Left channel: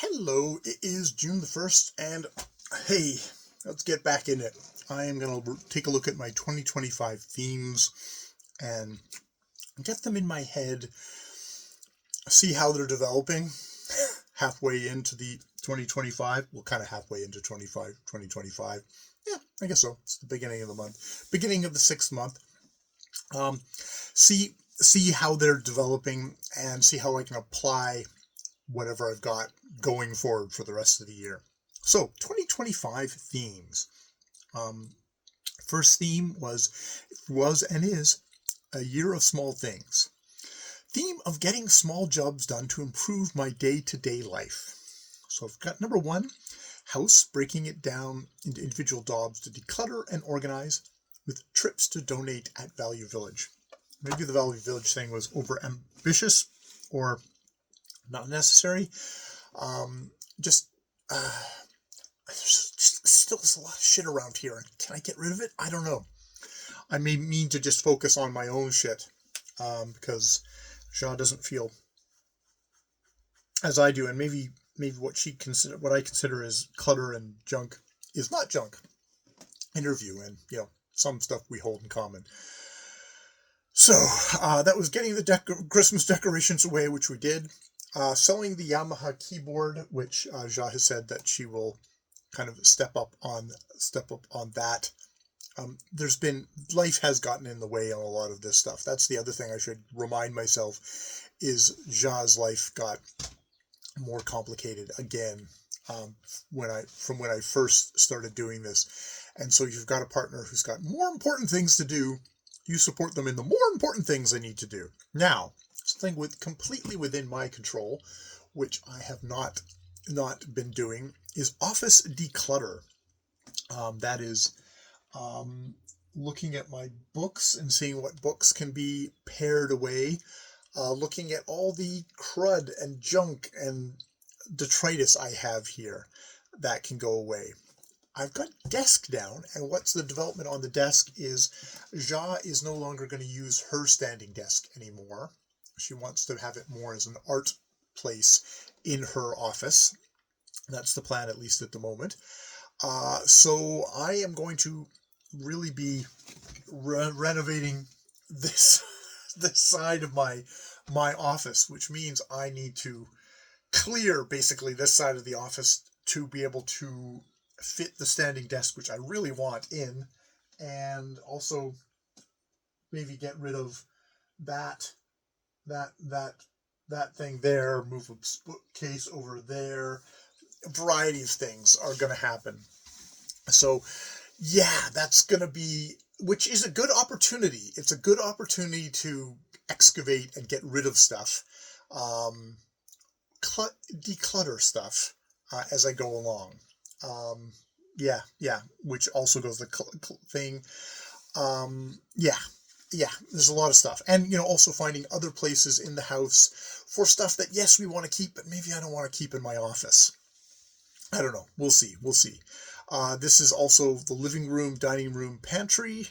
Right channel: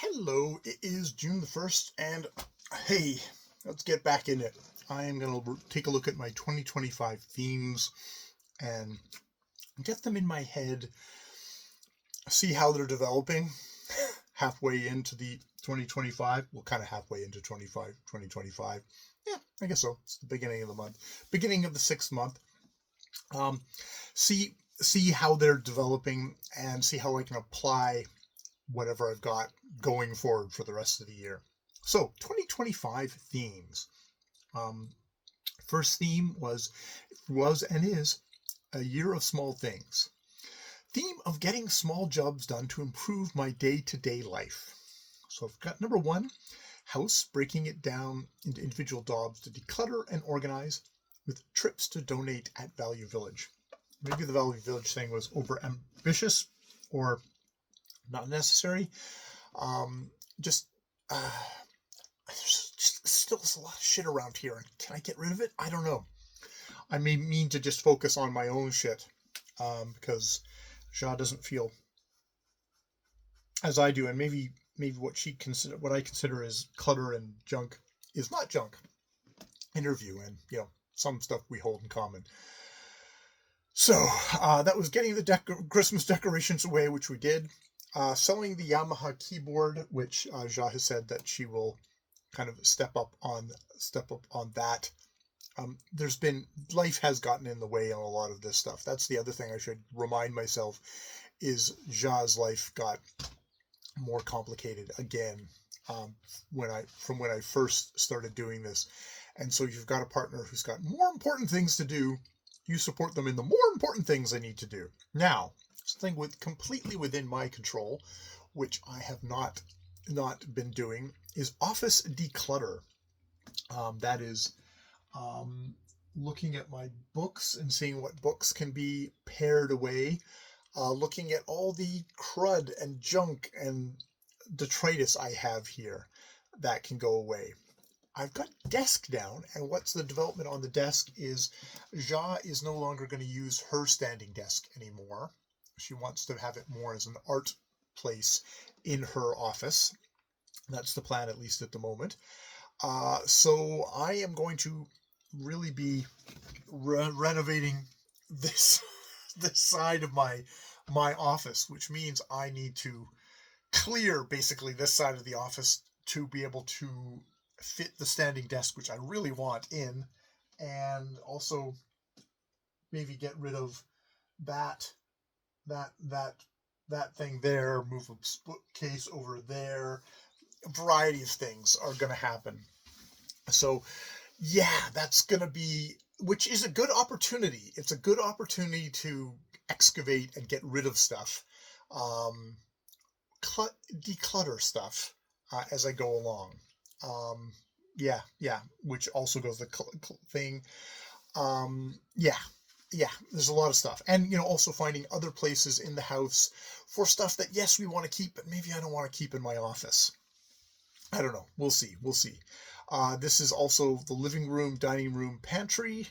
Hello, it is June the 1st, and hey, let's get back in it. I am going to take a look at my 2025 themes and get them in my head, see how they're developing halfway into the 2025. Well, kind of halfway into 2025. Yeah, I guess so. It's the beginning of the month, beginning of the 6th month. Um, see how they're developing and see how I can apply whatever I've got going forward for the rest of the year. So 2025 themes. Um, First theme was and is a year of small things. Theme of getting small jobs done to improve my day-to-day life. So I've got number 1, house, breaking it down into individual jobs to declutter and organize, with trips to donate at Value Village. Maybe the Value Village thing was over ambitious or not necessary. Just there's still a lot of shit around here. Can I get rid of it? I don't know. I may mean to just focus on my own shit, because Shaw doesn't feel as I do, and maybe what I consider as clutter and junk is not junk. Interview and some stuff we hold in common. So that was getting the Christmas decorations away, which we did. Selling the Yamaha keyboard, which Ja has said that she will kind of step up on that. Life has gotten in the way on a lot of this stuff. That's the other thing I should remind myself is Ja's life got more complicated again from when I first started doing this. And so you've got a partner who's got more important things to do. You support them in the more important things they need to do. Now, something completely within my control, which I have not been doing, is office declutter. That is looking at my books and seeing what books can be pared away, looking at all the crud and junk and detritus I have here that can go away. I've got desk down, and what's the development on the desk is Ja is no longer going to use her standing desk anymore. She wants to have it more as an art place in her office. That's the plan, at least at the moment. So I am going to really be renovating this side of my office, which means I need to clear basically this side of the office to be able to fit the standing desk, which I really want in, and also maybe get rid of that thing there, move a bookcase over there. A variety of things are going to happen. So yeah, that's going to be, which is a good opportunity. It's a good opportunity to excavate and get rid of stuff, declutter stuff as I go along. Yeah, which also goes the thing. Yeah, there's a lot of stuff. And, also finding other places in the house for stuff that, yes, we want to keep, but maybe I don't want to keep in my office. I don't know. We'll see. This is also the living room, dining room, pantry,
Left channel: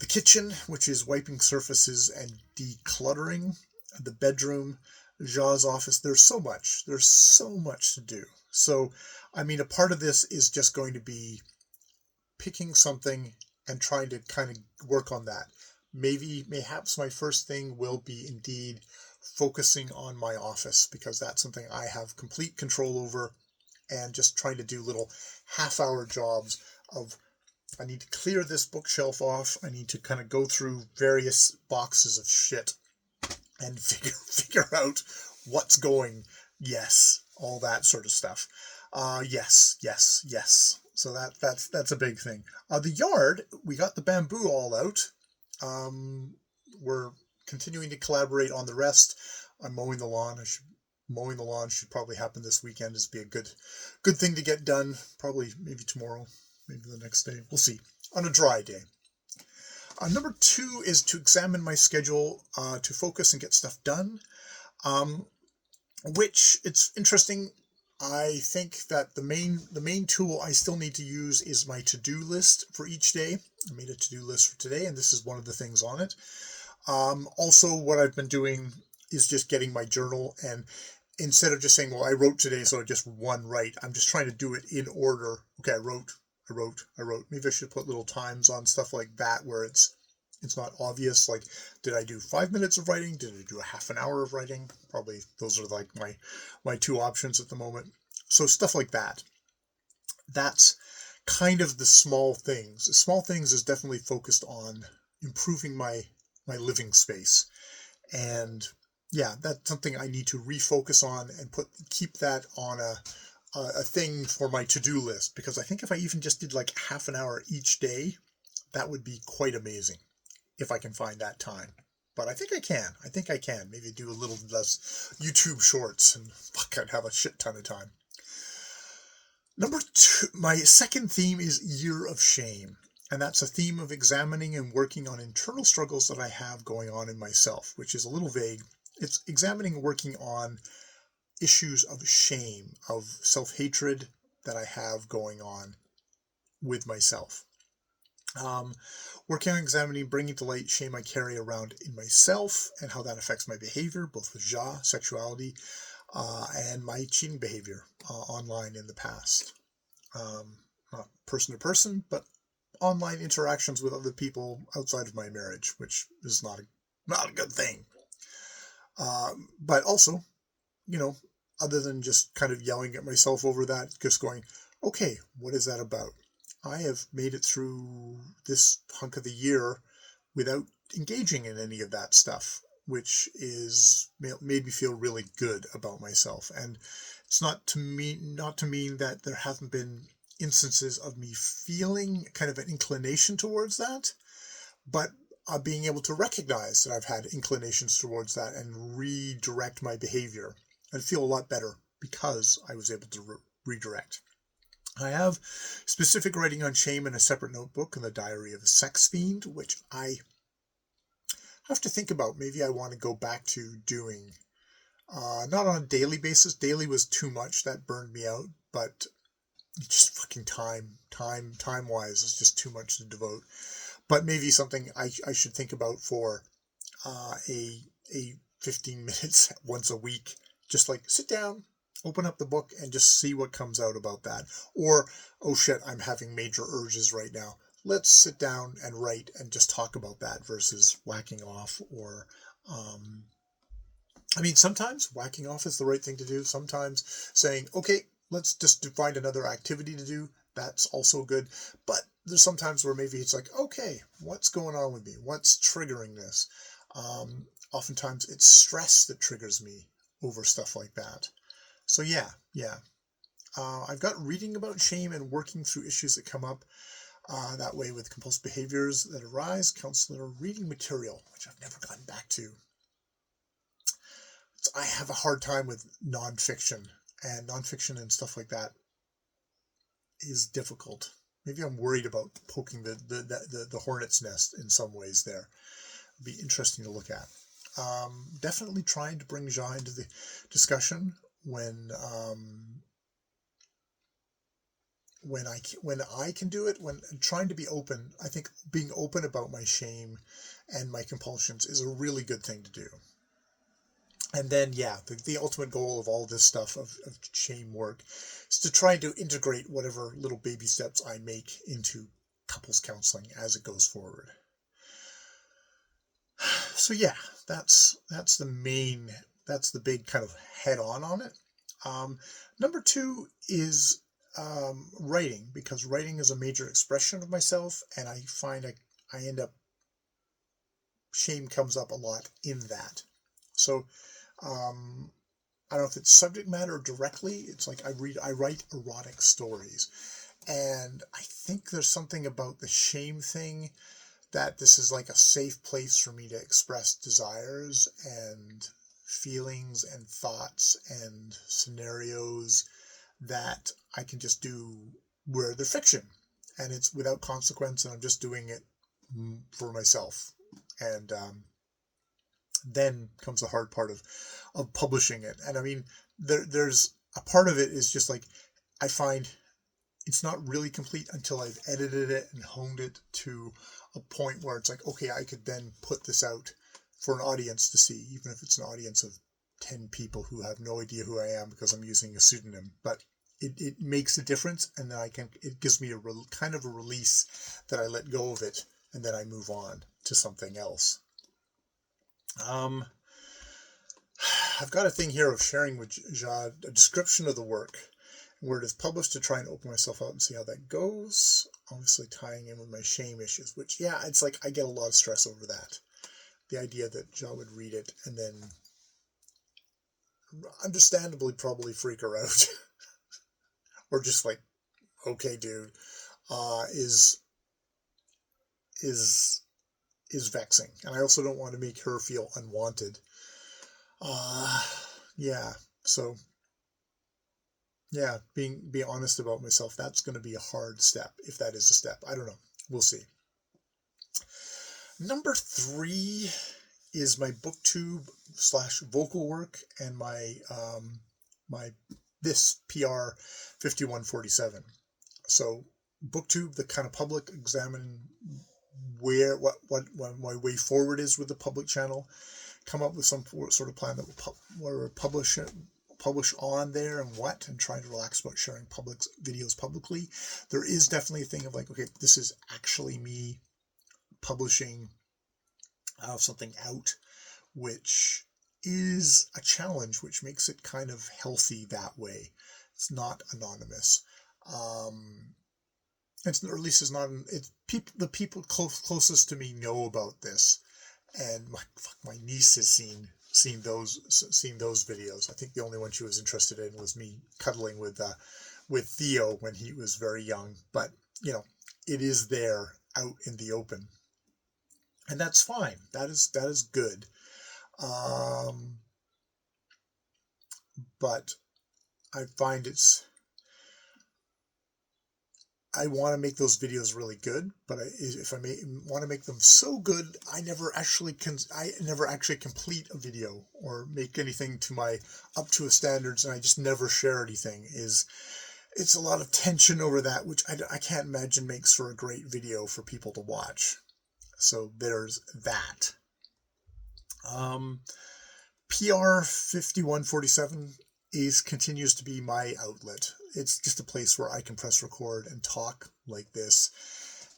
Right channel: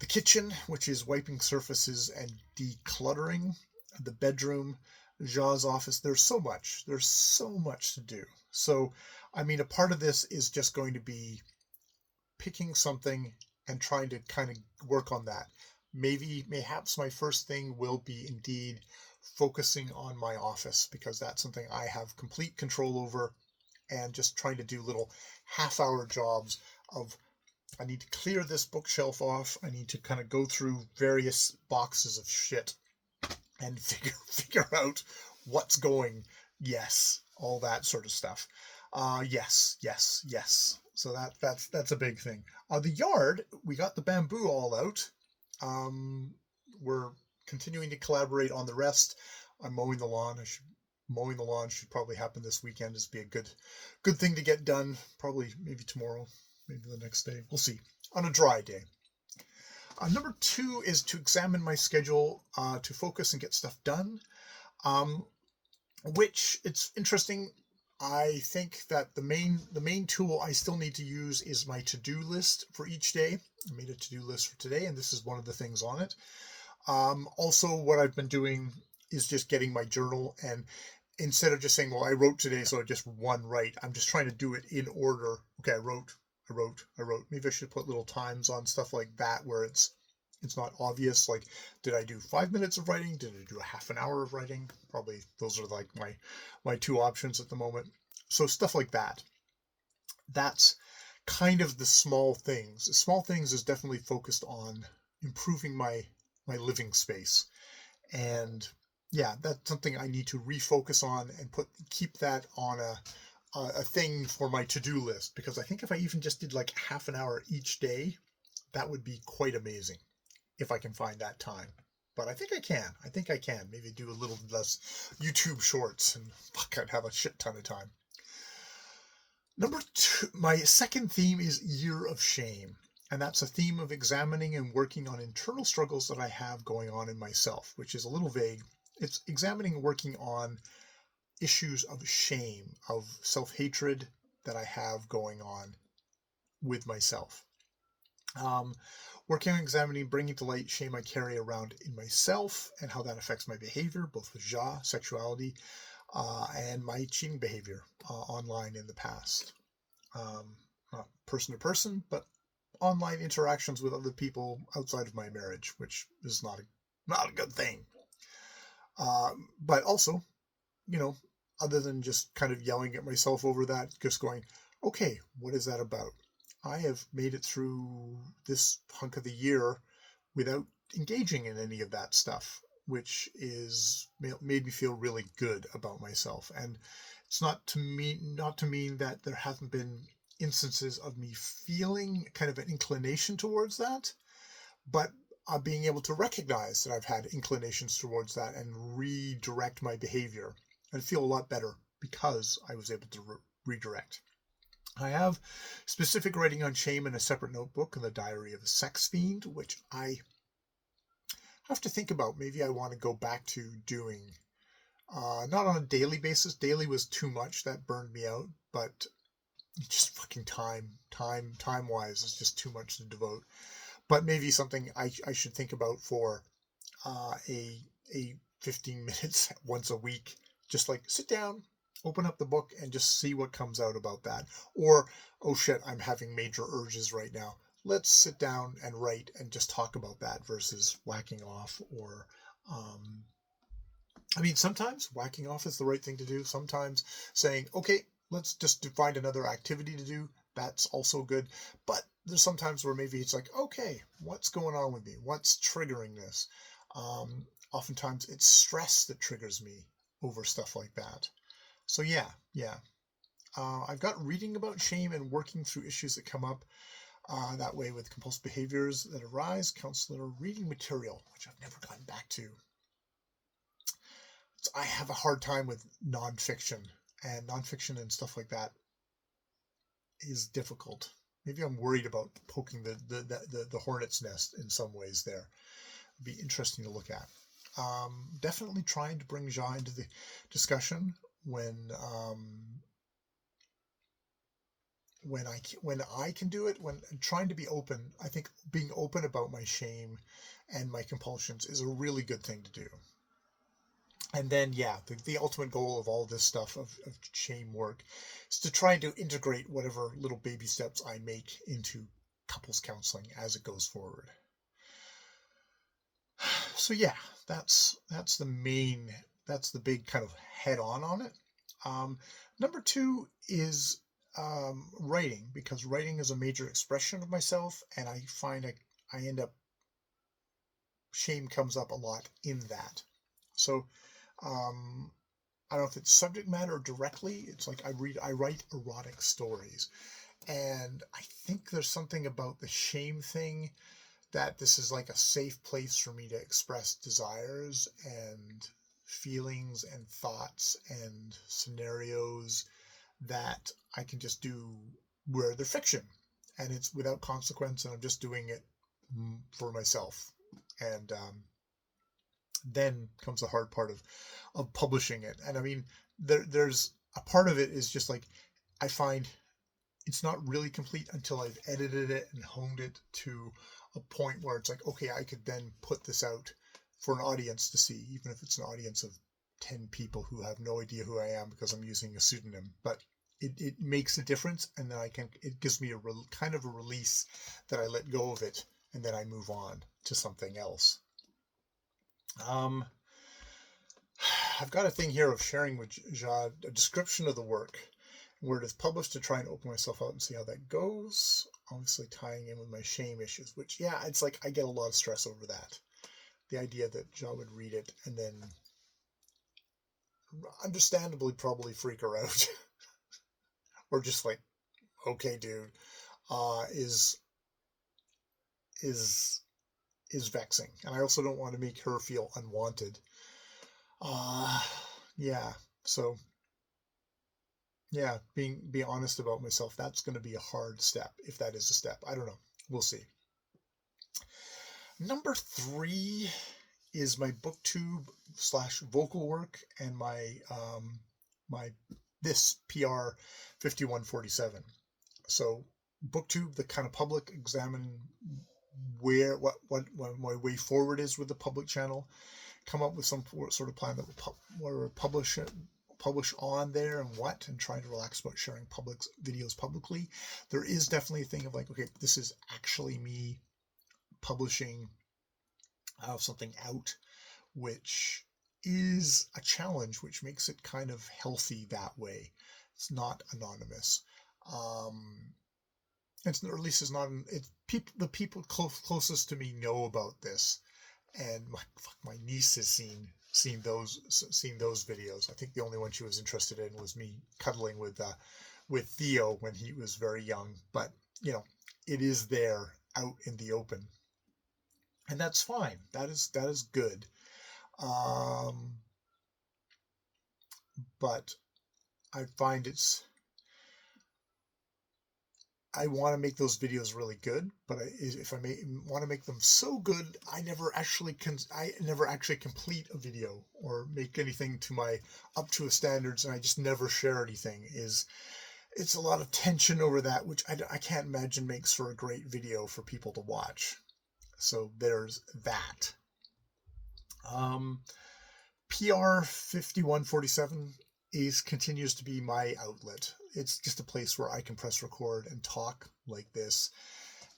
the kitchen, which is wiping surfaces and decluttering, the bedroom, Ja's office. There's so much to do. So, a part of this is just going to be picking something and trying to kind of work on that. Mayhaps my first thing will be indeed focusing on my office, because that's something I have complete control over, and just trying to do little half-hour jobs of, I need to clear this bookshelf off. I need to kind of go through various boxes of shit and figure out what's going. Yes, all that sort of stuff. Yes. So that's a big thing. The yard, we got the bamboo all out. We're continuing to collaborate on the rest. I'm mowing the lawn. Mowing the lawn should probably happen this weekend. Is be a good thing to get done. Probably maybe tomorrow, maybe the next day. We'll see. On a dry day. Number 2 is to examine my schedule, to focus and get stuff done. Which, it's interesting. I think that the main tool I still need to use is my to-do list for each day. I made a to-do list for today, and this is one of the things on it. Also, what I've been doing is just getting my journal and instead of just saying, well, I wrote today, so I just one right, I'm just trying to do it in order. Okay, I wrote. Maybe I should put little times on stuff like that where it's not obvious. Like, did I do 5 minutes of writing? Did I do a half an hour of writing? Probably those are like my two options at the moment. So stuff like that. That's kind of the small things. The small things is definitely focused on improving my living space. And yeah, that's something I need to refocus on and keep that on a thing for my to-do list, because I think if I even just did like half an hour each day, that would be quite amazing if I can find that time. But I think I can. Maybe do a little less YouTube shorts and fuck, I'd have a shit ton of time. Number 2, my second theme is Year of Shame. And that's a theme of examining and working on internal struggles that I have going on in myself, which is a little vague. It's examining and working on issues of shame, of self-hatred that I have going on with myself. Working on examining, bringing to light shame I carry around in myself and how that affects my behavior, both with sexuality, and my cheating behavior online in the past. Not person to person, but online interactions with other people outside of my marriage, which is not a good thing. But also, other than just kind of yelling at myself over that, just going, okay, what is that about? I have made it through this hunk of the year without engaging in any of that stuff, which is made me feel really good about myself. And it's not to mean that there haven't been instances of me feeling kind of an inclination towards that, but being able to recognize that I've had inclinations towards that and redirect my behavior and feel a lot better because I was able to redirect. I have specific writing on shame in a separate notebook in the Diary of a Sex Fiend, which I have to think about. Maybe I want to go back to doing, not on a daily basis. Daily was too much. That burned me out, but just fucking time-wise is just too much to devote. But maybe something I should think about for a 15 minutes once a week. Just like sit down, open up the book, and just see what comes out about that. Or, oh shit, I'm having major urges right now. Let's sit down and write and just talk about that versus whacking off. Or, sometimes whacking off is the right thing to do. Sometimes saying, okay, let's just find another activity to do. That's also good. But there's some times where maybe it's like, okay, what's going on with me? What's triggering this? Oftentimes it's stress that triggers me over stuff like that. So yeah. I've got reading about shame and working through issues that come up that way with compulsive behaviors that arise, counselor reading material, which I've never gotten back to. I have a hard time with nonfiction and stuff like that is difficult. Maybe I'm worried about poking the hornet's nest in some ways there. It'd be interesting to look at. Definitely trying to bring Ja into the discussion when I can do it, when trying to be open. I think being open about my shame and my compulsions is a really good thing to do. And then, yeah, the ultimate goal of all this stuff of shame work is to try to integrate whatever little baby steps I make into couples counseling as it goes forward. So yeah, that's the big kind of head on it. Number 2 is writing, because writing is a major expression of myself, and I find I end up, shame comes up a lot in that. So I don't know if it's subject matter directly. It's like I write erotic stories, and I think there's something about the shame thing that this is like a safe place for me to express desires and feelings and thoughts and scenarios that I can just do where they're fiction and it's without consequence, and I'm just doing it for myself. And then comes the hard part of publishing it. And there's a part of it is just like, I find it's not really complete until I've edited it and honed it to a point where it's like, okay, I could then put this out for an audience to see, even if it's an audience of 10 people who have no idea who I am because I'm using a pseudonym, but it makes a difference, and then it gives me kind of a release that I let go of it, and then I move on to something else. I've got a thing here of sharing with Jad a description of the work, where it is published, to try and open myself out and see how that goes. Obviously tying in with my shame issues, which, yeah, it's like I get a lot of stress over that. The idea that Jad would read it and then understandably probably freak her out or just like, okay, dude, is vexing. And I also don't want to make her feel unwanted. Yeah. So yeah, be honest about myself. That's going to be a hard step, if that is a step. I don't know. We'll see. Number 3 is my booktube / vocal work and my this PR 5147. So booktube, the kind of public examining what my way forward is with the public channel, come up with some sort of plan that will publish on there and trying to relax about sharing public videos publicly. There is definitely a thing of like, okay, this is actually me publishing something out, which is a challenge, which makes it kind of healthy that way. It's not anonymous. It's, or at least it's not. It's the people closest to me know about this, and my niece has seen those videos. I think the only one she was interested in was me cuddling with Theo when he was very young. But you know, it is there out in the open, and that's fine. That is good. But I find I want to make those videos really good, but if I want to make them so good, I never actually complete a video or make anything up to a standards, and I just never share anything. It's a lot of tension over that, which I can't imagine makes for a great video for people to watch. So there's that. PR 5147 continues to be my outlet. It's just a place where I can press record and talk like this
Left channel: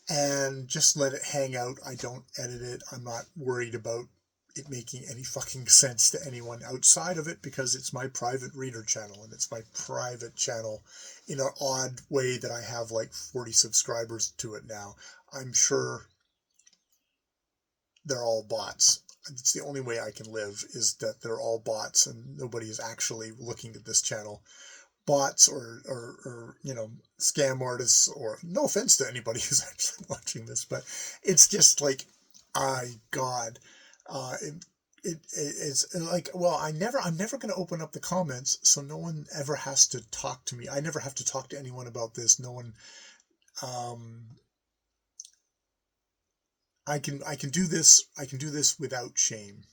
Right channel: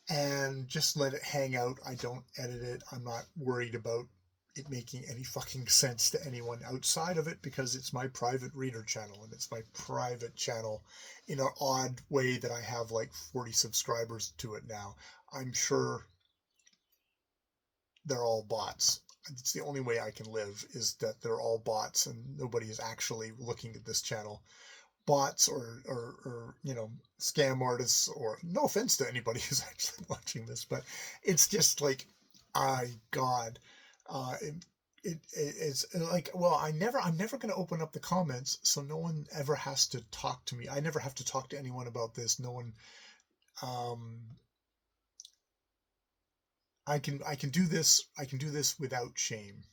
and just let it hang out. I don't edit it. I'm not worried about it making any fucking sense to anyone outside of it, because it's my private reader channel, and it's my private channel in an odd way that I have like 40 subscribers to it now. I'm sure they're all bots. It's the only way I can live, is that they're all bots and nobody is actually looking at this channel. Bots or scam artists, or no offense to anybody who's actually watching this, but it's just like, it's like, well, I'm never going to open up the comments, so no one ever has to talk to me. I never have to talk to anyone about this. No one, I can do this. I can do this without shame.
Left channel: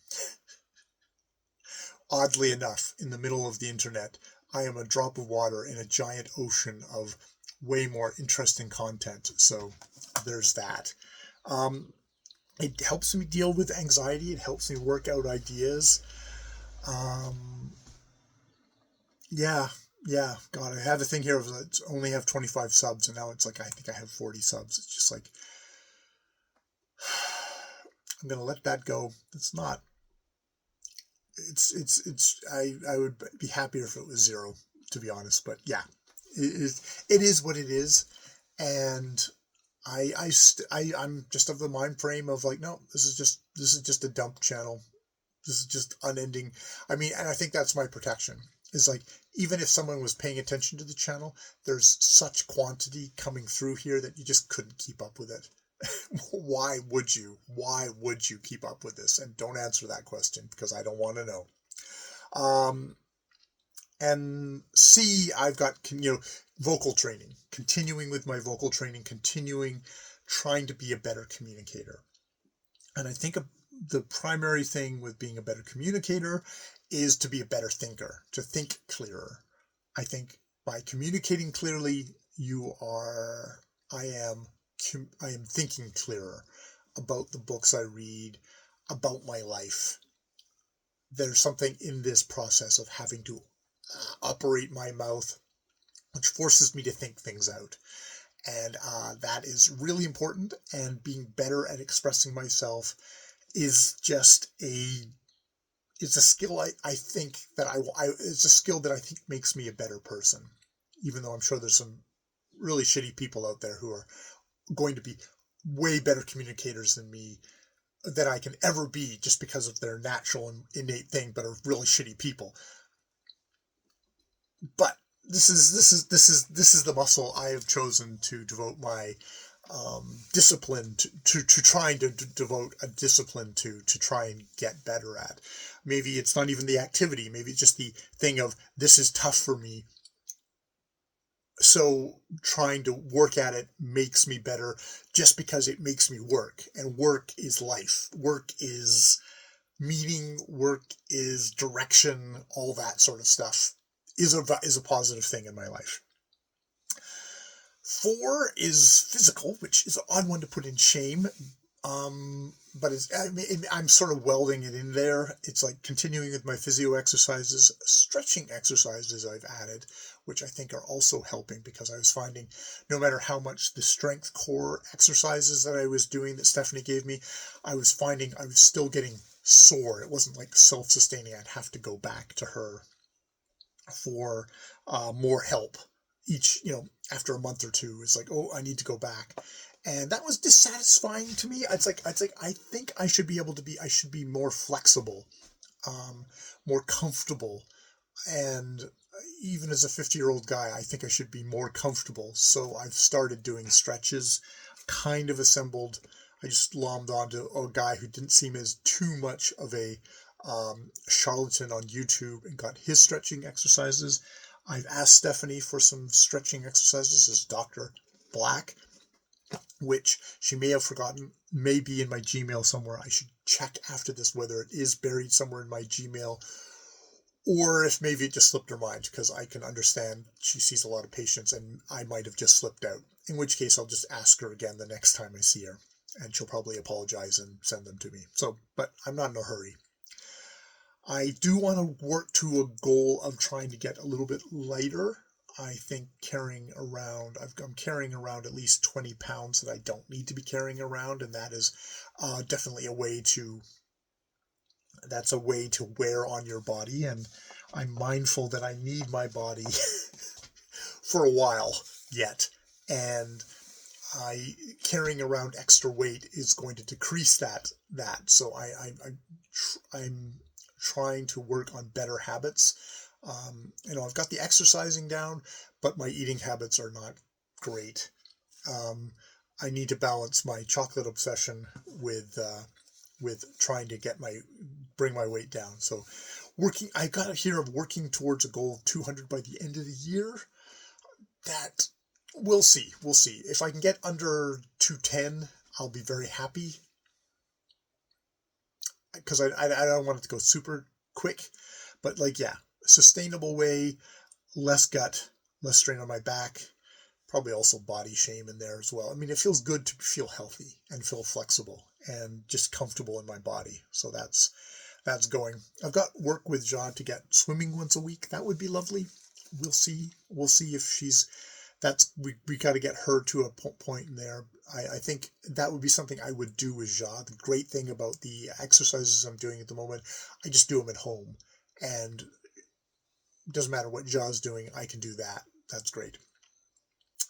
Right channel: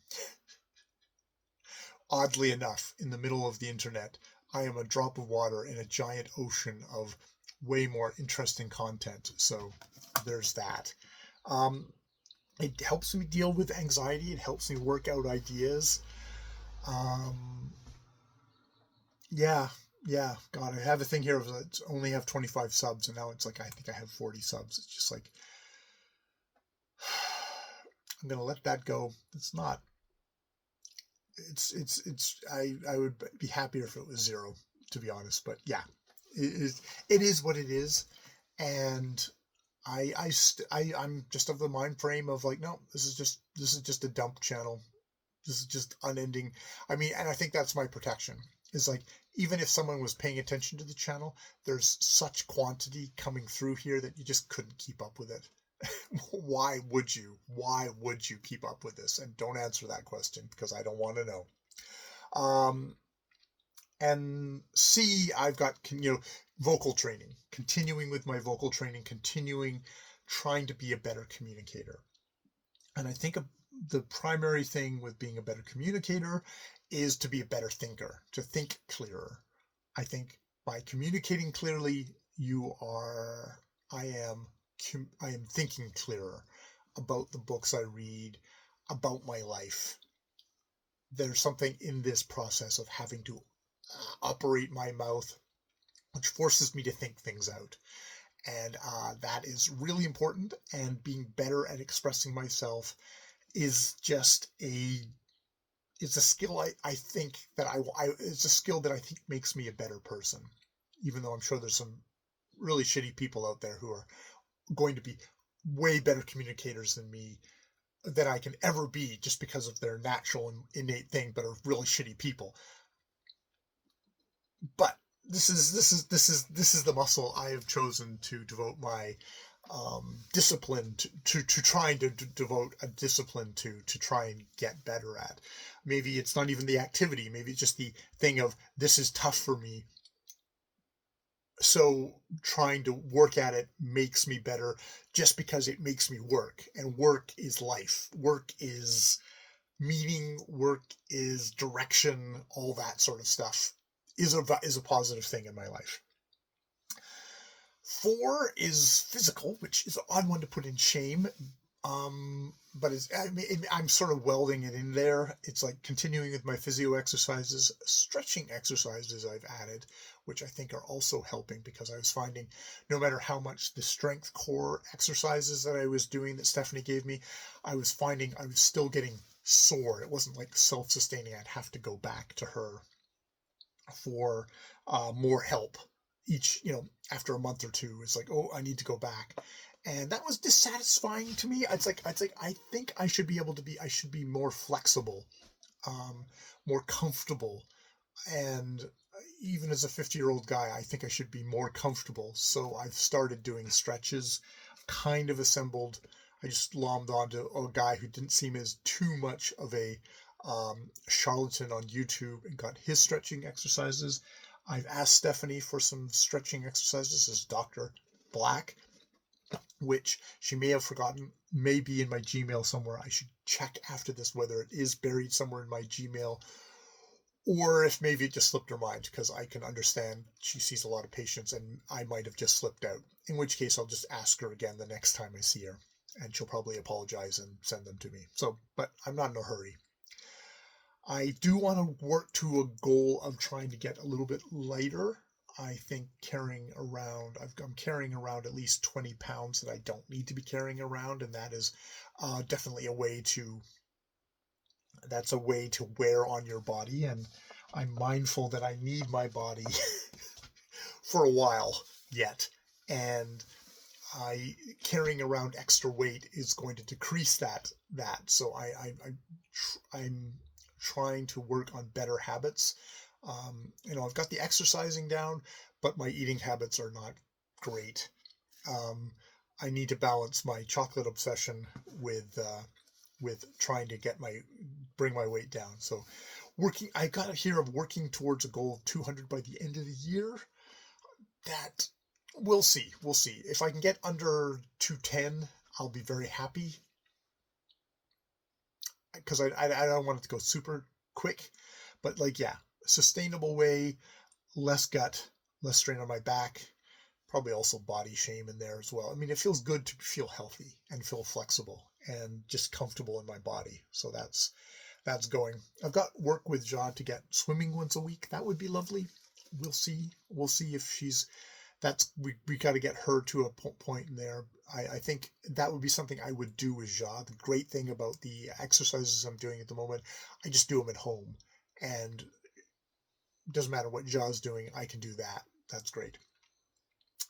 Oddly enough, in the middle of the internet, I am a drop of water in a giant ocean of way more interesting content. So there's that. It helps me deal with anxiety. It helps me work out ideas. Yeah. God, I have a thing here of only have 25 subs, and now it's like I think I have 40 subs. It's just like, I'm gonna let that go. I would be happier if it was 0, to be honest. But yeah, it is what it is, and I'm just of the mind frame of like, no, this is just a dump channel. This is just unending. I mean, and I think that's my protection. Is like, even if someone was paying attention to the channel, there's such quantity coming through here that you just couldn't keep up with it. Why would you keep up with this? And don't answer that question, because I don't want to know. And C, I've got, vocal training, continuing with my vocal training, trying to be a better communicator. And I think the primary thing with being a better communicator is to be a better thinker, to think clearer. I think by communicating clearly, I am thinking clearer about the books I read, about my life. there's something in this process of having to operate my mouth, which forces me to think things out. And that is really important. And being better at expressing myself is just it's a skill I think that it's a skill that I think makes me a better person, even though I'm sure there's some really shitty people out there who are going to be way better communicators than me, than I can ever be, just because of their natural and innate thing, but are really shitty people. But this is the muscle I have chosen to devote my discipline to trying to devote a discipline to try and get better at. Maybe it's not even the activity, maybe it's just the thing of, this is tough for me, so trying to work at it makes me better, just because it makes me work. And work is life, work is meaning, work is direction, all that sort of stuff is a positive thing in my life. 4 is physical, which is an odd one to put in shame. But I'm sort of welding it in there. It's like continuing with my physio exercises, stretching exercises I've added, which I think are also helping, because I was finding no matter how much the strength core exercises that I was doing that Stephanie gave me, I was finding I was still getting sore. It wasn't like self-sustaining. I'd have to go back to her for more help each, after a month or two. It's like, oh, I need to go back. And that was dissatisfying to me. It's like I think I should be more flexible, more comfortable. And even as a 50-year-old guy, I think I should be more comfortable. So I've started doing stretches, kind of assembled. I just lommed onto a guy who didn't seem as too much of a charlatan on YouTube, and got his stretching exercises. I've asked Stephanie for some stretching exercises as Dr. Black, which she may have forgotten, may be in my Gmail somewhere. I should check after this whether it is buried somewhere in my Gmail, or if maybe it just slipped her mind, because I can understand she sees a lot of patients and I might have just slipped out, in which case I'll just ask her again the next time I see her, and she'll probably apologize and send them to me. So, but I'm not in a hurry. I do want to work to a goal of trying to get a little bit lighter. I think I'm carrying around at least 20 pounds that I don't need to be carrying around, and that is definitely a way to wear on your body. And I'm mindful that I need my body for a while yet, and carrying around extra weight is going to decrease that. So I'm trying to work on better habits. I've got the exercising down, but my eating habits are not great. I need to balance my chocolate obsession with trying to bring my weight down. So I got it here of working towards a goal of 200 by the end of the year. That we'll see. If I can get under 210, I'll be very happy, because I don't want it to go super quick, but sustainable way, less gut, less strain on my back, probably also body shame in there as well. I mean, it feels good to feel healthy and feel flexible and just comfortable in my body. So that's going. I've got work with John to get swimming once a week. That would be lovely. We'll see if we got to get her to a point in there. I think that would be something I would do with Ja. The great thing about the exercises I'm doing at the moment, I just do them at home, and it doesn't matter what Ja's doing, I can do that. That's great.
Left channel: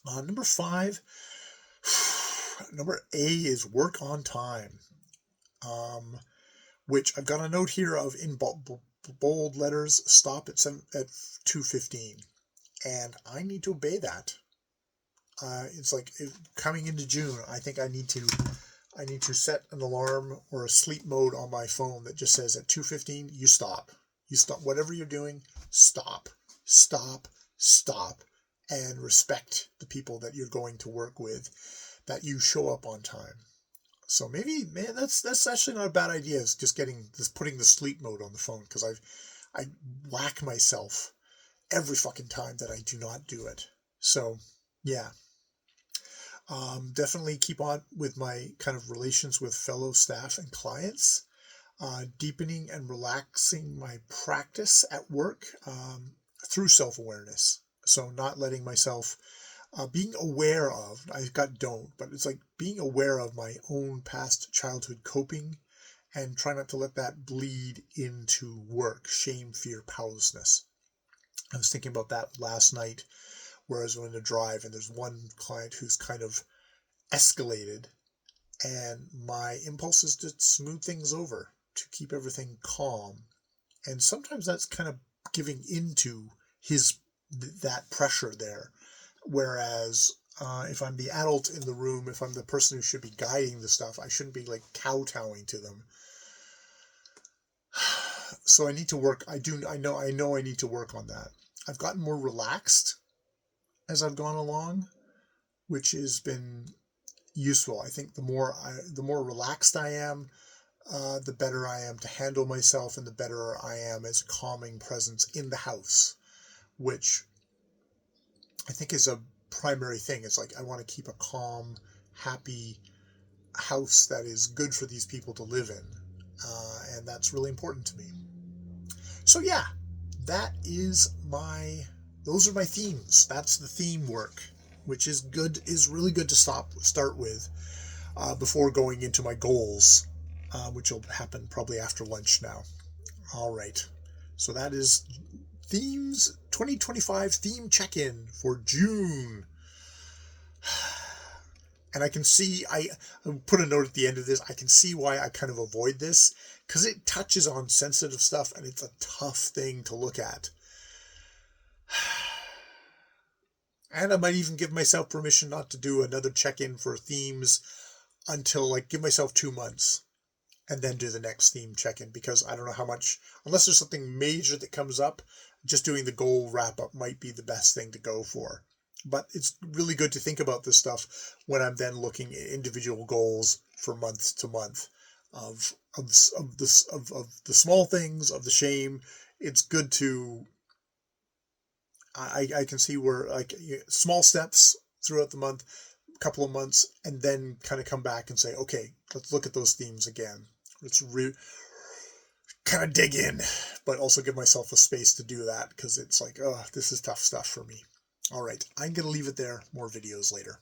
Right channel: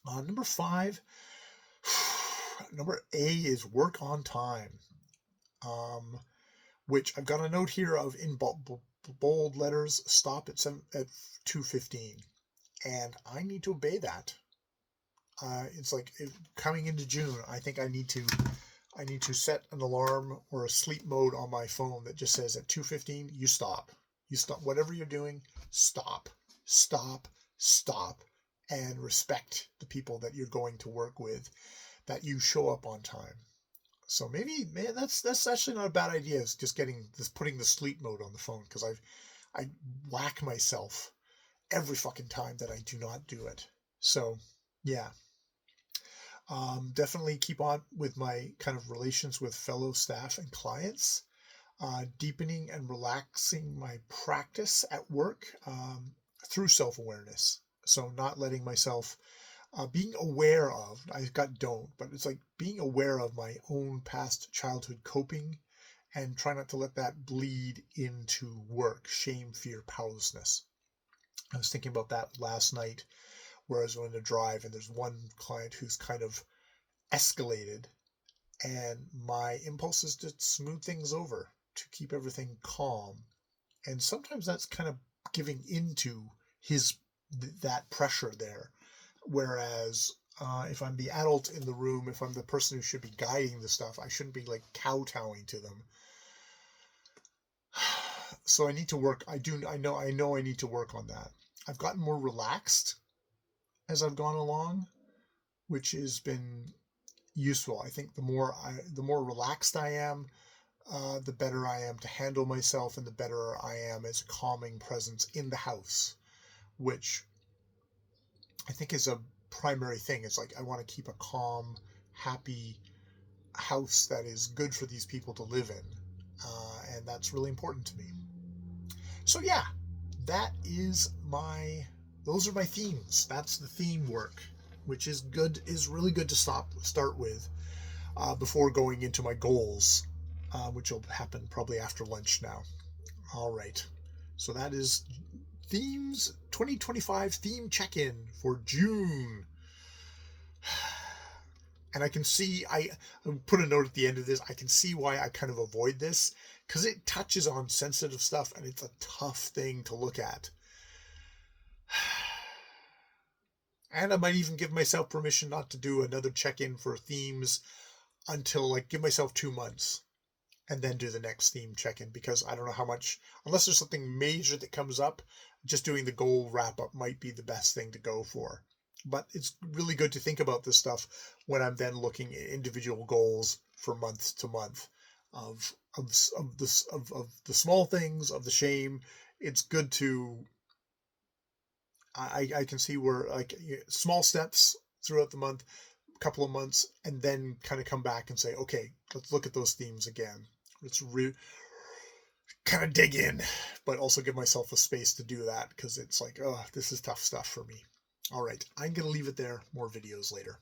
Number 5, number A is work on time, which I've got a note here of in bold letters, stop at 2:15, and I need to obey that. It's like coming into June, I think I need to set an alarm or a sleep mode on my phone that just says at 2:15, you stop. Whatever you're doing, stop, and respect the people that you're going to work with, that you show up on time. So maybe, man, that's actually not a bad idea. Is just putting the sleep mode on the phone, because I whack myself every fucking time that I do not do it. So yeah. Definitely keep on with my kind of relations with fellow staff and clients. deepening and relaxing my practice at work through self-awareness. So not letting myself, being aware of, I got don't, but it's like being aware of my own past childhood coping and try not to let that bleed into work, shame, fear, powerlessness. I was thinking about that last night where I was on a drive and there's one client who's kind of escalated, and my impulse is to smooth things over, to keep everything calm. And sometimes that's kind of giving into that pressure there. Whereas if I'm the adult in the room, if I'm the person who should be guiding the stuff, I shouldn't be like kowtowing to them. So I need to work. I know I need to work on that. I've gotten more relaxed as I've gone along, which has been useful. I think the more relaxed I am, the better I am to handle myself, and the better I am as a calming presence in the house, which I think is a primary thing. It's like I want to keep a calm, happy house that is good for these people to live in, and that's really important to me. So yeah, those are my themes. That's the theme work, which is really good to start with before going into my goals, which will happen probably after lunch now. All right. So that is Themes 2025 theme check-in for June. And I can see, I put a note at the end of this, I can see why I kind of avoid this, because it touches on sensitive stuff and it's a tough thing to look at. And I might even give myself permission not to do another check-in for themes until, give myself 2 months and then do the next theme check-in, because I don't know how much, unless there's something major that comes up, just doing the goal wrap-up might be the best thing to go for. But it's really good to think about this stuff when I'm then looking at individual goals for month to month of the small things, of the shame. It's good to, I can see where small steps throughout the month, a couple of months, and then kind of come back and say, okay, let's look at those themes again. Let's kind of dig in, but also give myself a space to do that, because it's like, oh, this is tough stuff for me. All right, I'm going to leave it there. More videos later.